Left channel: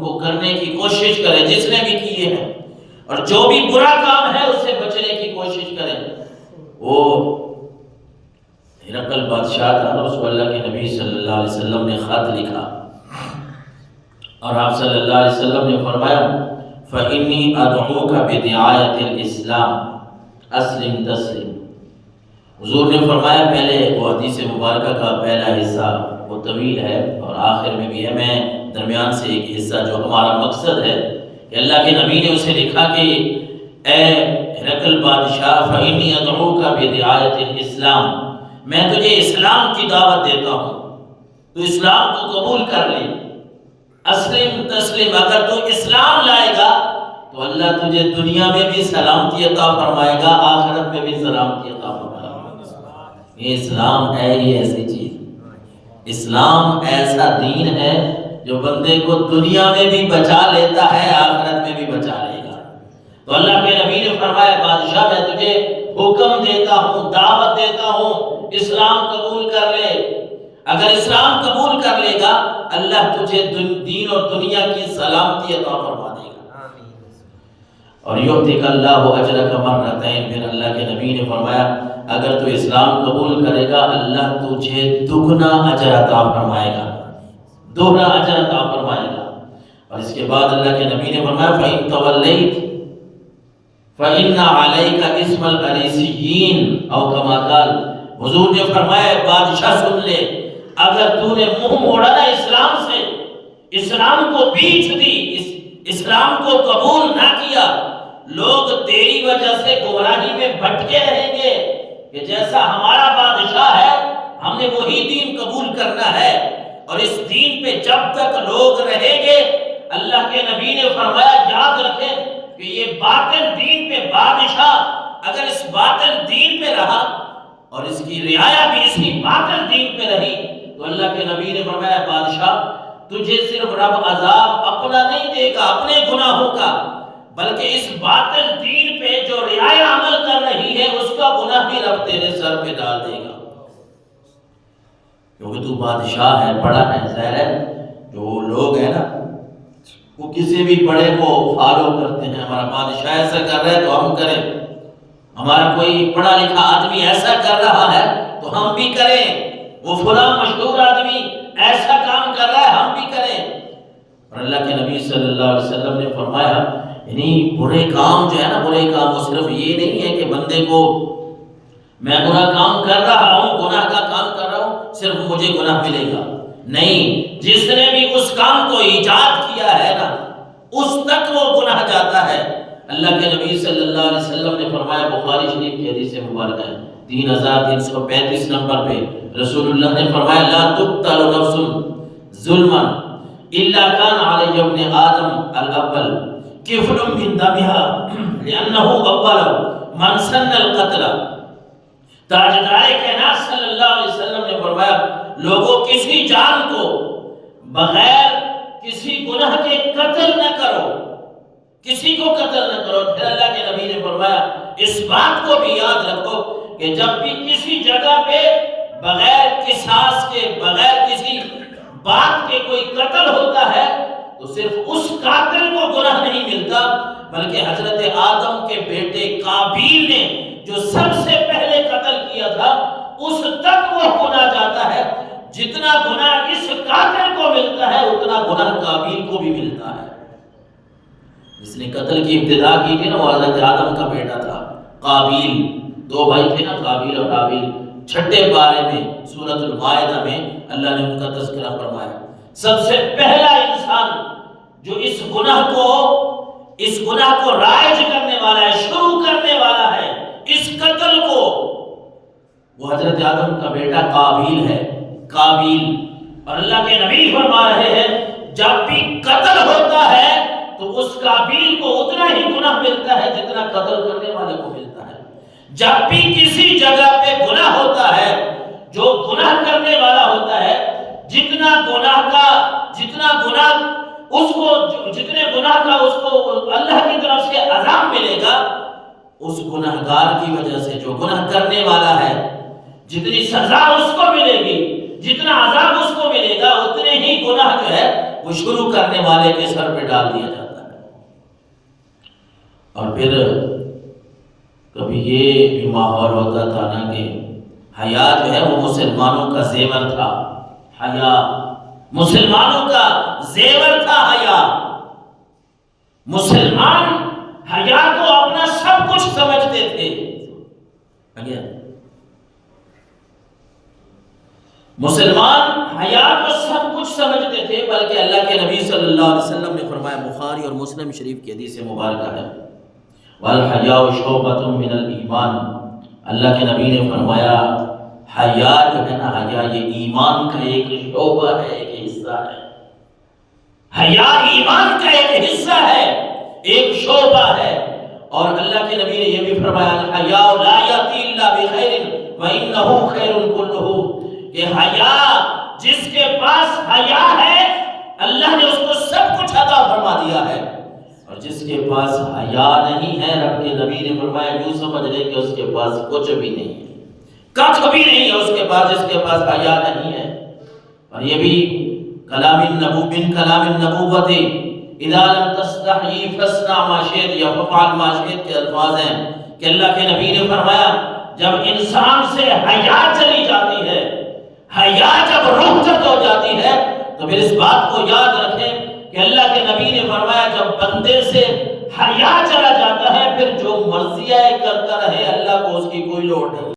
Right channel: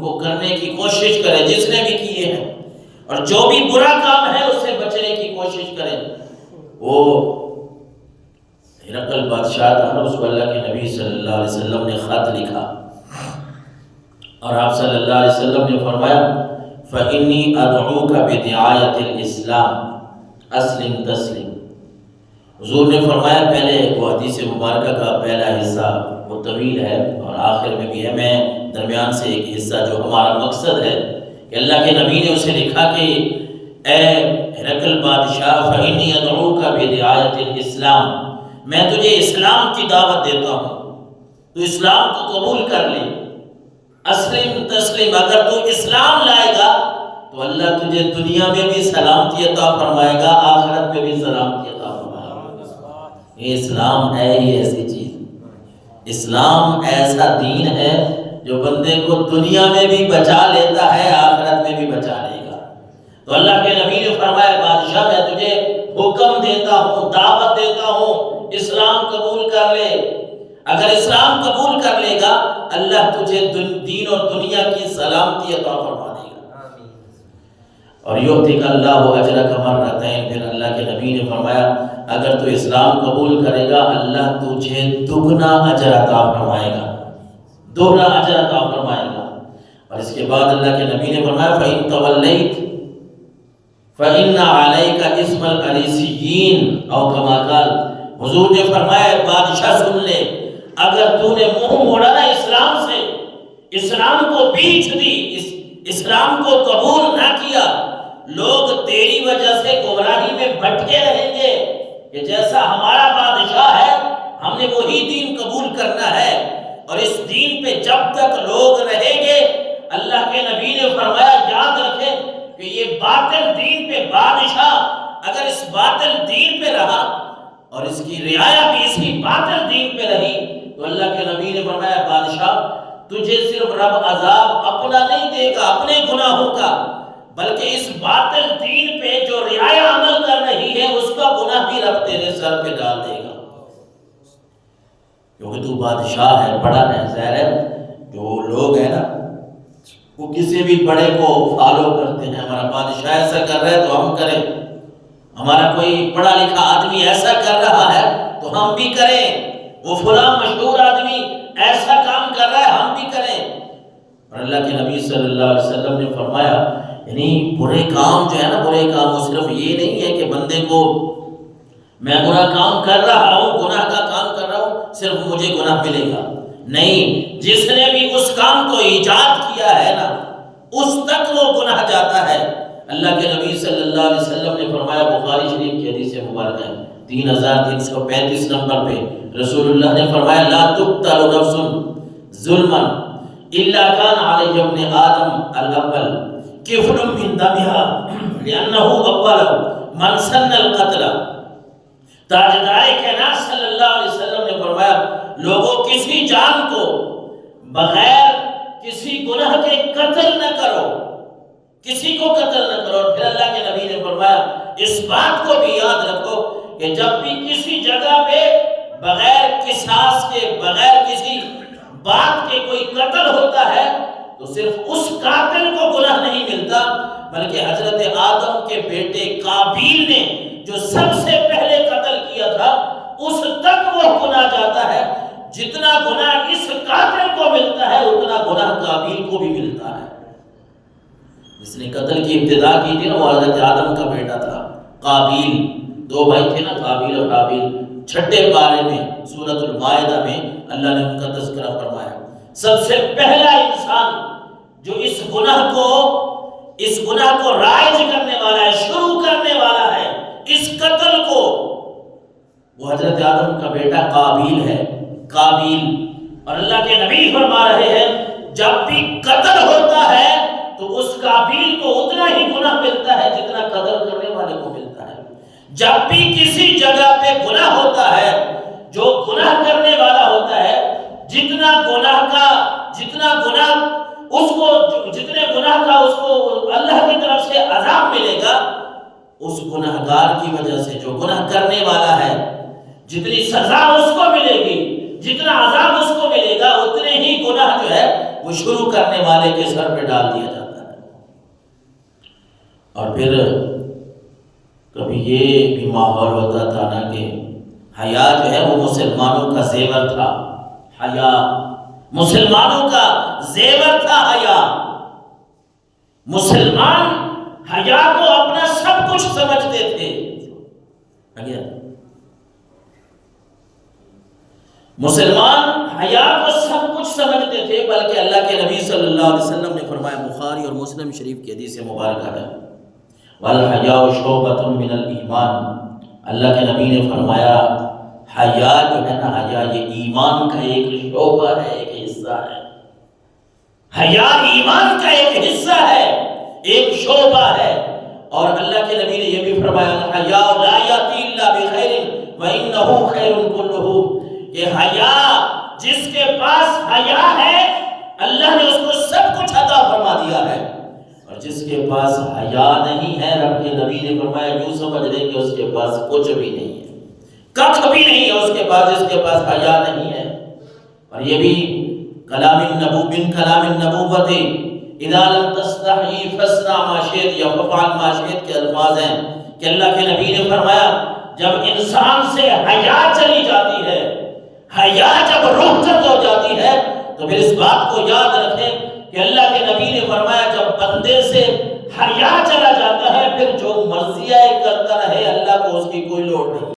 کو کرنے کی کوشش کرے جس نے بھی کیے ہیں، اور جو بھی برا کام ہے اس سے بچنے کی کوشش کرے۔ وہ ہرقل بادشاہ تھا، اس کو اللہ کے نبی صلی اللہ علیہ وسلم نے خط لکھا، اور آپ صلی اللہ علیہ وسلم نے فرمایا فَإِنِّي أَدْعُوكَ بِدِعَايَةِ الْإِسْلَامِ أَسْلِمْ تَسْلِمْ۔ حضور نے فرمایا، پہلے وہ حدیث مبارکہ کا پہلا حصہ وہ طویل ہے اور آخر میں بھی ہے، میں درمیان سے ایک حصہ جو ہمارا مقصد ہے کہ اللہ کے نبی نے اسے لکھا کہ اے ہرقل بادشاہ فَإِنِّي أَدْعُوكَ بِدِعَايَةِ الْإِسْلَامِ، میں تجھے اسلام کی دعوت دیتا ہوں، تو اسلام کو قبول کر لے۔ اسلم تسلم، اگر تو اسلام لائے گا تو اللہ تجھے دنیا میں بھی سلامتی عطا فرمائے گا، آخرت میں بھی سلامتی عطا فرمائے گا۔ یہ اسلام ہے ہی ایسی چیز، اسلام ایسا دین ہے جو بندے کو دنیا میں بھی بچا لیتا ہے، آخرت میں بھی بچا لے گا۔ تو اللہ کے نبی نے فرمایا بادشاہ میں تجھے حکم دیتا ہوں، دعوت دیتا ہوں، اسلام قبول کر لے۔ اگر اسلام قبول کر لے گا اللہ تجھے دین اور دنیا کی سلامتی عطا فرما دے گا۔ اور یؤتیک اللہ اجرک مرتین، پھر اللہ کے نبی نے فرمایا اگر تو اسلام قبول کرے گا اللہ تجھے دگنا اجر عطا فرمائے گا، دوہرا اجر عطا فرمائے گا۔ اور اس کے بعد اللہ کے نبی نے فرمایا فَإِن تَوَلَّيْتَ فَإِنَّ عَلَيْكَ اسْمَ الْأَرِيسِيِّينَ او کما قال۔ حضور نے فرمایا بادشاہ سن لے، اگر تو نے منہ موڑا نا اسلام سے، اسلام کو بیچ دی، اسلام کو قبول نہ کیا، لوگ تیری وجہ سے گمراہی میں بھٹکے رہیں گے کہ جیسا ہمارا بادشاہ ہے ہم نے وہی دین قبول کرنا ہے، اور اس دین پہ جب تک لوگ رہیں گے اللہ کے نبی نے فرمایا یاد رکھیں کہ یہ باطل دین پہ بادشاہ اگر اس باطل دین پہ رہا اور اس کی رعایا بھی اسی باطل دین پہ رہی تو اللہ کے نبی نے فرمایا بادشاہ تجھے صرف رب عذاب اپنا نہیں دے گا اپنے گناہوں کا، بلکہ اس باطل دین پہ جو رعایا عمل کر رہی ہے اس کا گناہ بھی رب تیرے سر پہ ڈال دے گا، کیونکہ تو بادشاہ ہے، بڑا ہے۔ ظاہر ہے جو لوگ ہیں نا وہ کسی بھی بڑے کو فالو کرتے ہیں، ہمارا بادشاہ ایسا کر رہا ہے تو ہم کریں، ہمارا کوئی پڑھا لکھا آدمی ایسا کر رہا ہے تو ہم بھی کریں، وہ فلاں مشہور آدمی ایسا کام کر رہا ہے ہم بھی کریں۔ اور اللہ کے نبی صلی اللہ علیہ وسلم نے فرمایا یعنی برے کام جو ہے نا، برے کام وہ صرف یہ نہیں ہے کہ بندے کو میں برا کام کر رہا ہوں، گناہ کا کام کر رہا ہوں صرف مجھے گناہ ملے گا، نہیں، جس نے بھی اس کام کو ایجاد کیا ہے نا اس تک وہ گناہ جاتا ہے۔ اللہ کے نبی صلی اللہ علیہ وسلم نے فرمایا، بخاری شریف کی حدیث مبارکہ ہے 3335 نمبر پہ، رسول اللہ نے فرمایا لا تقتل نفس ظلما الا كان علی ابن آدم الاول کفل من دمها لانه اول من سن القتل۔ تاجدار کائنات صلی اللہ علیہ وسلم نے فرمایا لوگوں کسی جان کو بغیر کسی گناہ کے قتل نہ کرو، کسی کو قتل نہ کرو۔ اور پھر اللہ کے نبی نے فرمایا اس بات کو بھی یاد رکھو کہ جب بھی کسی جگہ پہ بغیر قصاص کے، بغیر کسی بات کے کوئی قتل ہوتا ہے تو صرف اس قاتل کو گناہ نہیں ملتا بلکہ حضرت آدم کے بیٹے قابیل نے جو سب سے پہلے قتل کیا تھا اس تک وہ گناہ جاتا ہے۔ جتنا گناہ اس قاتل کو ملتا ہے اتنا گناہ قابیل کو بھی ملتا ہے۔ جس نے قتل کی ابتدا کی تھی نا وہ حضرت آدم کا بیٹا تھا قابیل، دو بھائی تھے نا قابیل اور حابیل۔ 6 پارے میں سورۃ المائدہ میں اللہ نے ان کا تذکرہ فرمایا۔ سب سے پہلا انسان جو اس گناہ کو رائج کرنے والا ہے، شروع کرنے والا ہے اس قتل کو، وہ حضرت آدم کا بیٹا قابیل ہے، قابیل۔ اور اللہ کے نبی فرما رہے ہیں جب بھی قتل ہوتا ہے تو اس قابیل کو اتنا ہی گناہ ملتا ہے جتنا قتل کرنے والے کو ملتا ہے۔ جب بھی کسی جگہ پہ گناہ ہوتا ہے، جو گناہ کرنے والا ہوتا ہے جتنے گناہ کا اس کو اللہ کی طرف سے عذاب ملے گا، اس گناہگار کی وجہ سے جو گناہ کرنے والا ہے جتنی سزا اس کو ملے گی، جتنا عذاب اس کو ملے گا اتنے ہی گناہ جو ہے وہ شروع کرنے والے کے سر پہ ڈال دیا جاتا ہے۔ اور پھر کبھی یہ بھی ماحول ہوتا تھا نا کہ حیا جو ہے وہ مسلمانوں کا زیور تھا، حیا مسلمانوں کا زیور تھا، حیا مسلمان حیا کو اپنا سب کچھ سمجھتے تھے۔ مسلمان حیا کو سب کچھ سمجھتے تھے، بلکہ اللہ کے نبی صلی اللہ علیہ وسلم نے فرمایا، بخاری اور مسلم شریف کی حدیث مبارکہ ہے، وَالْحَيَاءُ شُعْبَةٌ مِّنَ الْإِيمَانِ، اللہ کے نبی نے فرمایا حیا جو ہے نا، حیا یہ ایمان کا ایک شعبہ ہے، ایک حصہ ہے۔ حیا ایمان کا ایک حصہ ہے، ایک شعبہ ہے۔ اور اللہ کے نبی نے یہ بھی فرمایا، الْحَيَاءُ لَا يَأْتِي إِلَّا بِخَيْرٍ وَإِنَّهُ خَيْرٌ كُلُّهُ، کہ حیا جس کے پاس حیا ہے اللہ نے اس کو سب کچھ عطا فرما دیا ہے، اور جس کے پاس حیا نہیں ہے رب کے نبی نے فرمایا یوں سمجھ لیں کہ اس کے پاس کچھ بھی نہیں ہے، کچھ بھی نہیں ہے اس کے پاس، جس کے پاس حیا نہیں ہے۔ اور یہ بھی کلام النبوت اذا لم تستحی فاصنع ما شئت یا فعل ما شئت کے الفاظ ہیں کہ اللہ کے نبی نے فرمایا جب انسان سے حیا چلی جاتی ہے، حیا جب رخصت ہو جاتی ہے، تو پھر اس بات کو یاد رکھیں کہ اللہ کے نبی نے فرمایا جب بندے سے حیا چلا جاتا ہے پھر جو مرضی ہے کرتا رہے، اللہ کو اس کی کوئی لوڑ نہیں۔